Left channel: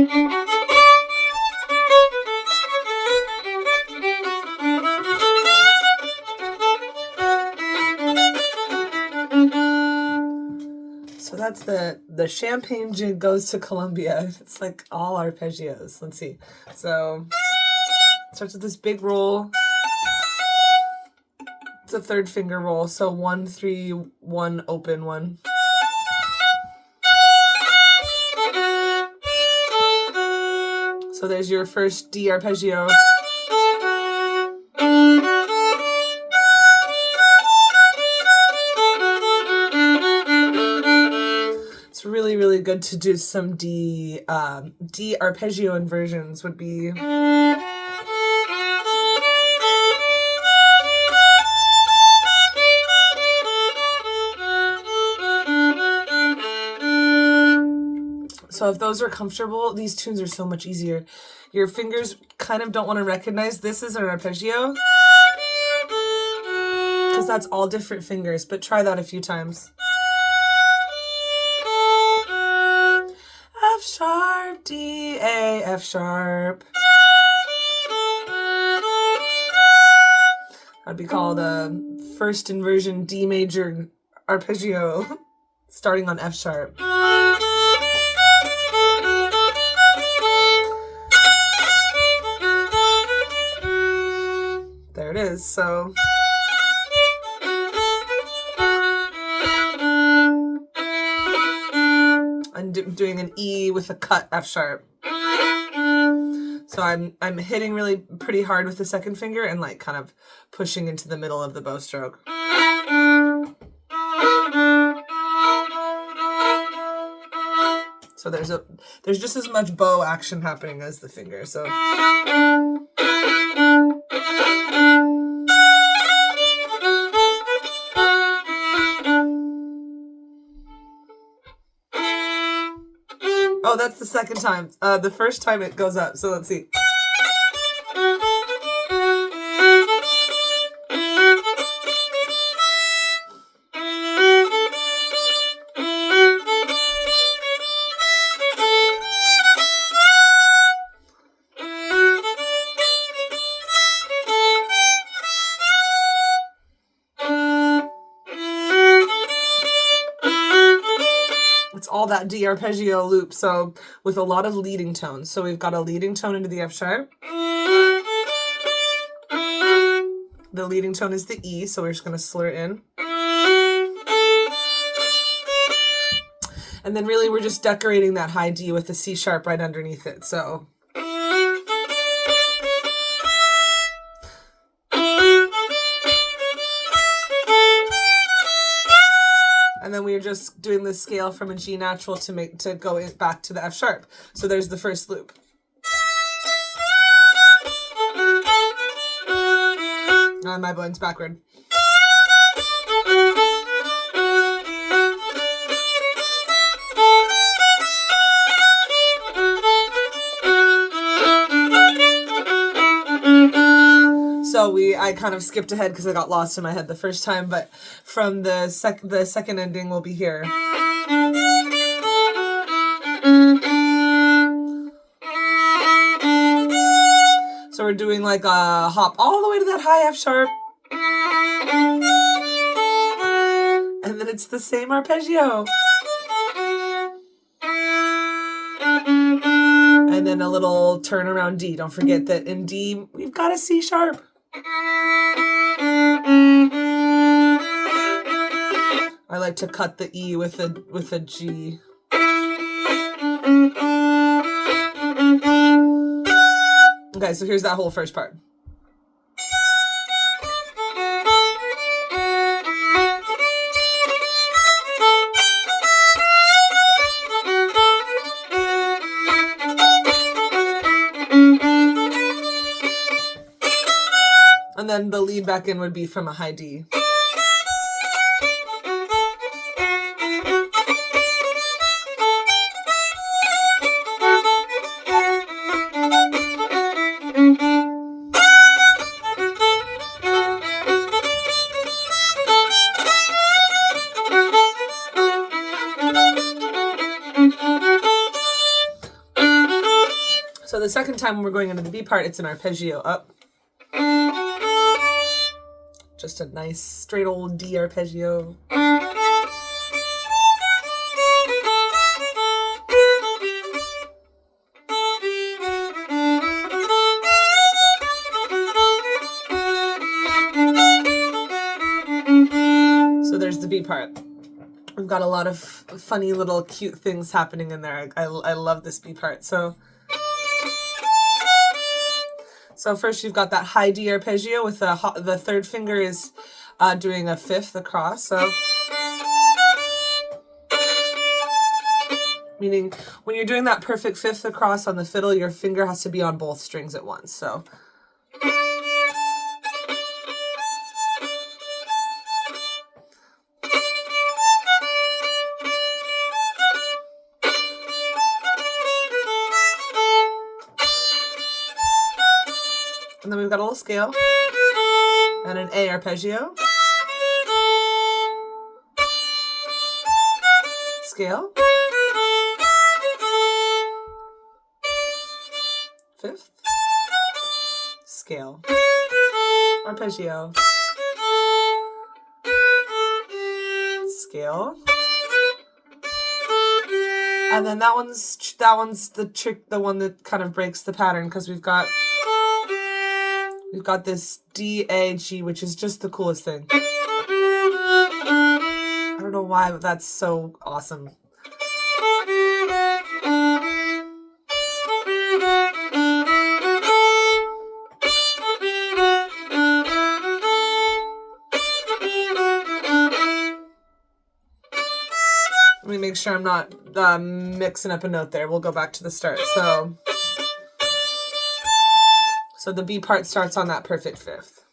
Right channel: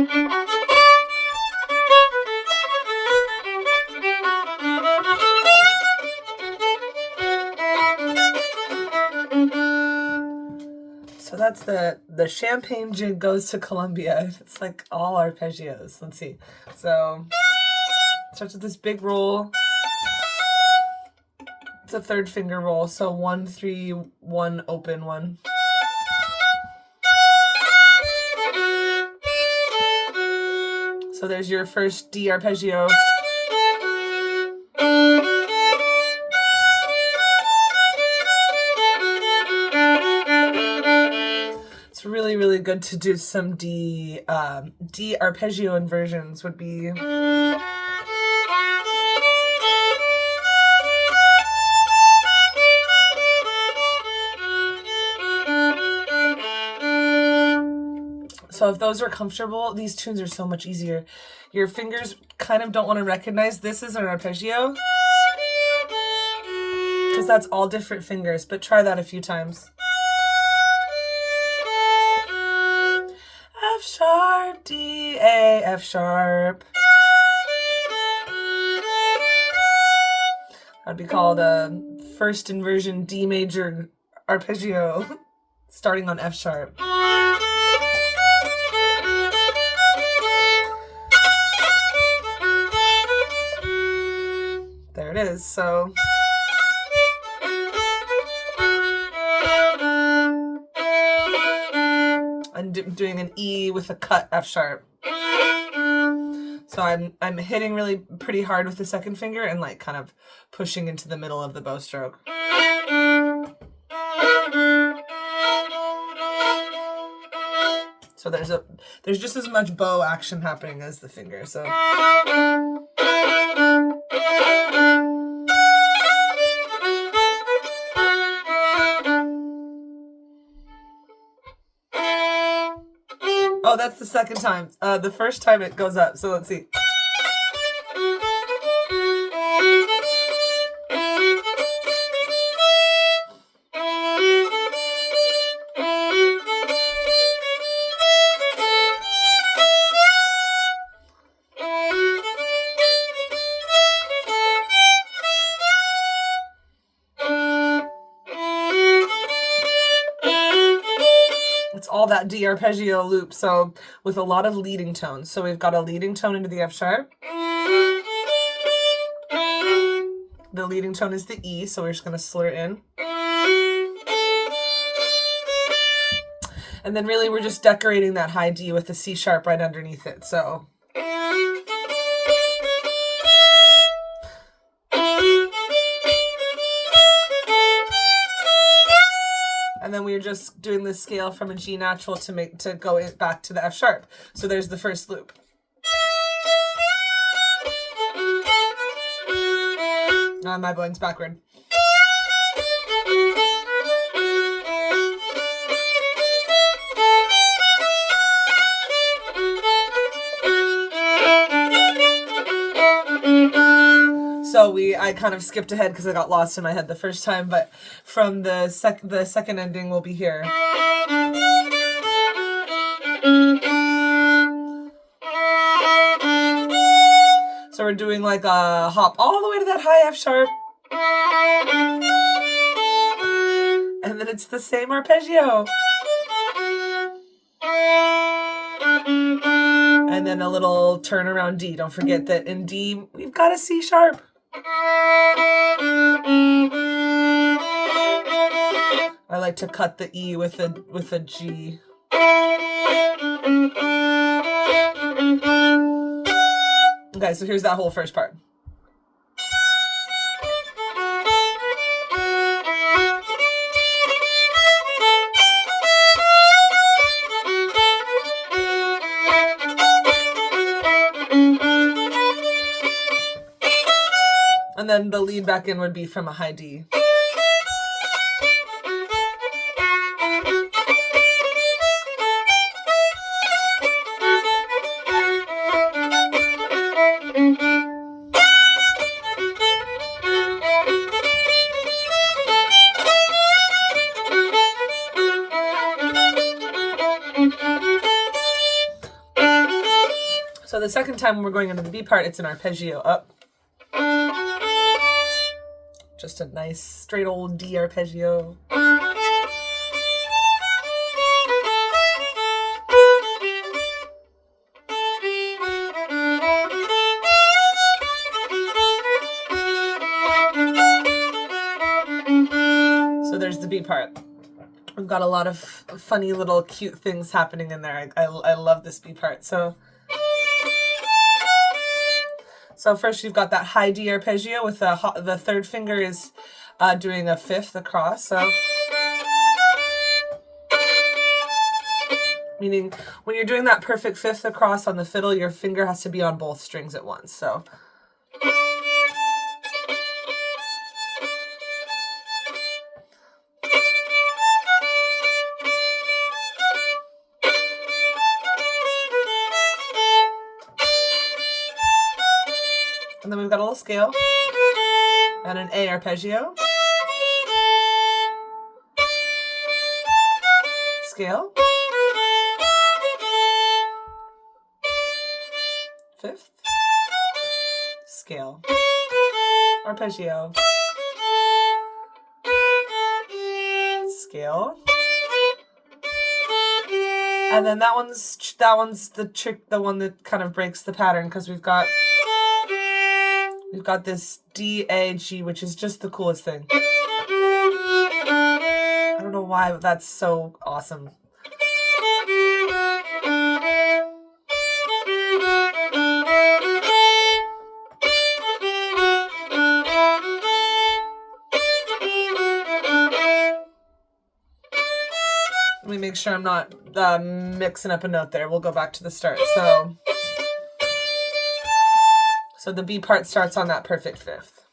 So that's the Champaign jig goes to Columbia. It's like all arpeggios. Let's see. So it starts with this big roll. It's a third finger roll. So 1, 3, 1, open 1. So there's your first D arpeggio. It's really, really good to do some D arpeggio inversions would be. So if those are comfortable, these tunes are so much easier. Your fingers kind of don't want to recognize this is an arpeggio because that's all different fingers, but try that a few times. F sharp, D, A, F sharp. That'd be called a first inversion D major arpeggio starting on F sharp. There it is. So I'm doing an E with a cut F sharp. So I'm hitting really pretty hard with the second finger and like kind of pushing into the middle of the bow stroke. So there's just as much bow action happening as the finger. So oh, that's the second time. The first time it goes up. So let's see. All that D arpeggio loop, so with a lot of leading tones. So we've got a leading tone into the F sharp. The leading tone is the E, so we're just going to slur it in. And then really we're just decorating that high D with the C sharp right underneath it. So and then we are just doing this scale from a G natural to go back to the F sharp. So there's the first loop. My bowing's backward. So I kind of skipped ahead because I got lost in my head the first time, but from the second ending will be here. So we're doing like a hop all the way to that high F sharp. And then it's the same arpeggio. And then a little turnaround D. Don't forget that in D, we've got a C sharp. I like to cut the E with a G. Okay, so here's that whole first part. And then the lead back in would be from a high D. So the second time when we're going into the B part, it's an arpeggio up. Just a nice straight old D arpeggio. So there's the B part. We've got a lot of funny little cute things happening in there. I love this B part. So first you've got that high D arpeggio with the third finger is doing a fifth across. So meaning when you're doing that perfect fifth across on the fiddle, your finger has to be on both strings at once. So and then we've got a little scale and an A arpeggio. Scale. Fifth. Scale. Arpeggio. Scale. And then that one's the trick, the one that kind of breaks the pattern, because we've got this D, A, G, which is just the coolest thing. I don't know why, but that's so awesome. Let me make sure I'm not mixing up a note there. We'll go back to the start. So the B part starts on that perfect fifth.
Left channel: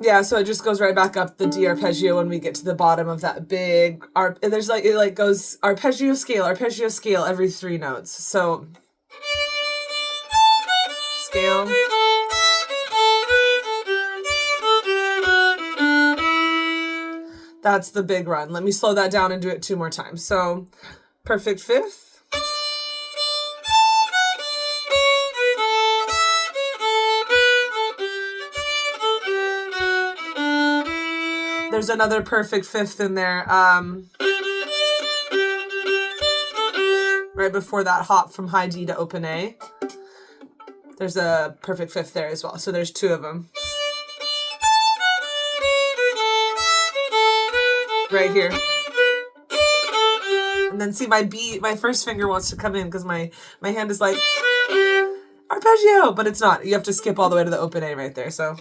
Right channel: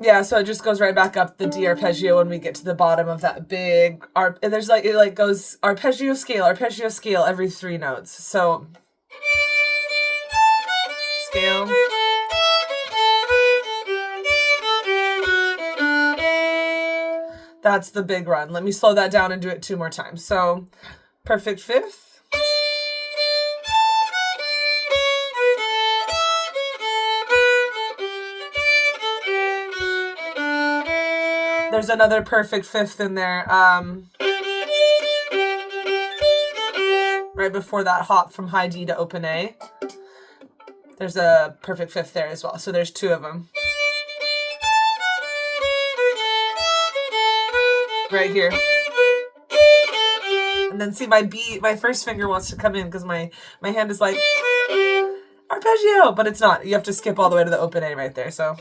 Yeah, so it just goes right back up the D arpeggio when we get to the bottom of that big there's like, it like goes arpeggio scale every 3 notes. So scale. That's the big run. Let me slow that down and do it 2 more times. So perfect fifth. There's another perfect fifth in there. Right before that hop from high D to open A. There's a perfect fifth there as well. So there's 2 of them. Right here. And then see my first finger wants to come in because my hand is like arpeggio, but it's not. You have to skip all the way to the open A right there. So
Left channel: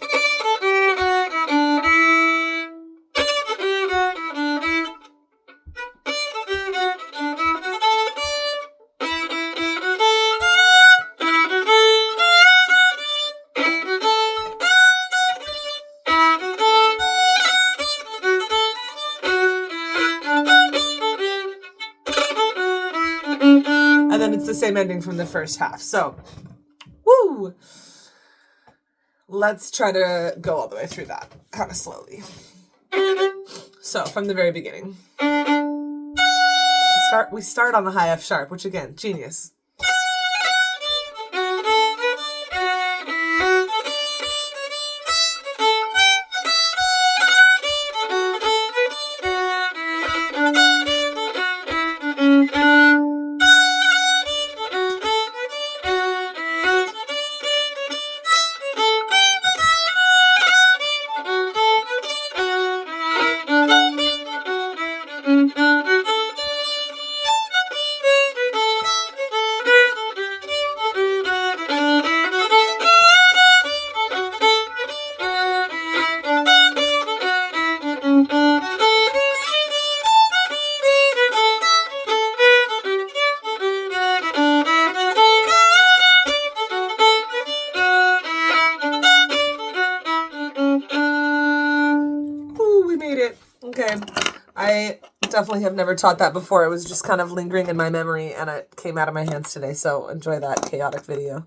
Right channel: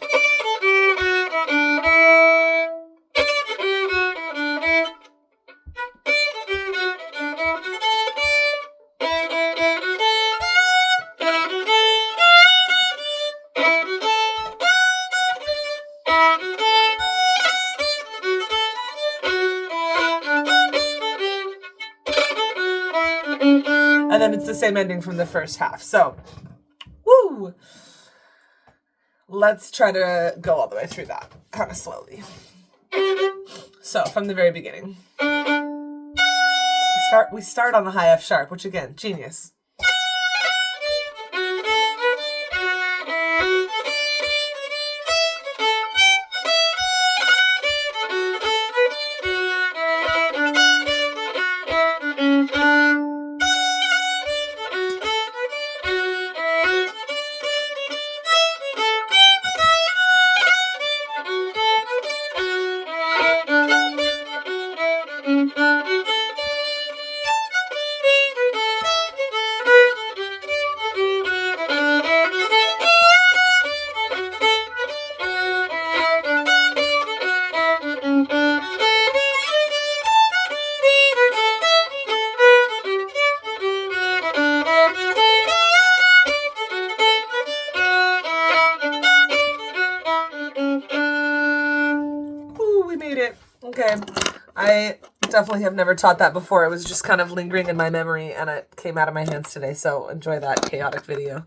and then it's the same ending from the first half. So, woo! Let's try to go all the way through that, kind of slowly. So, from the very beginning. We start on the high F sharp, which again, genius. Okay, I definitely have never taught that before. It was just kind of lingering in my memory and it came out of my hands today, so enjoy that chaotic video.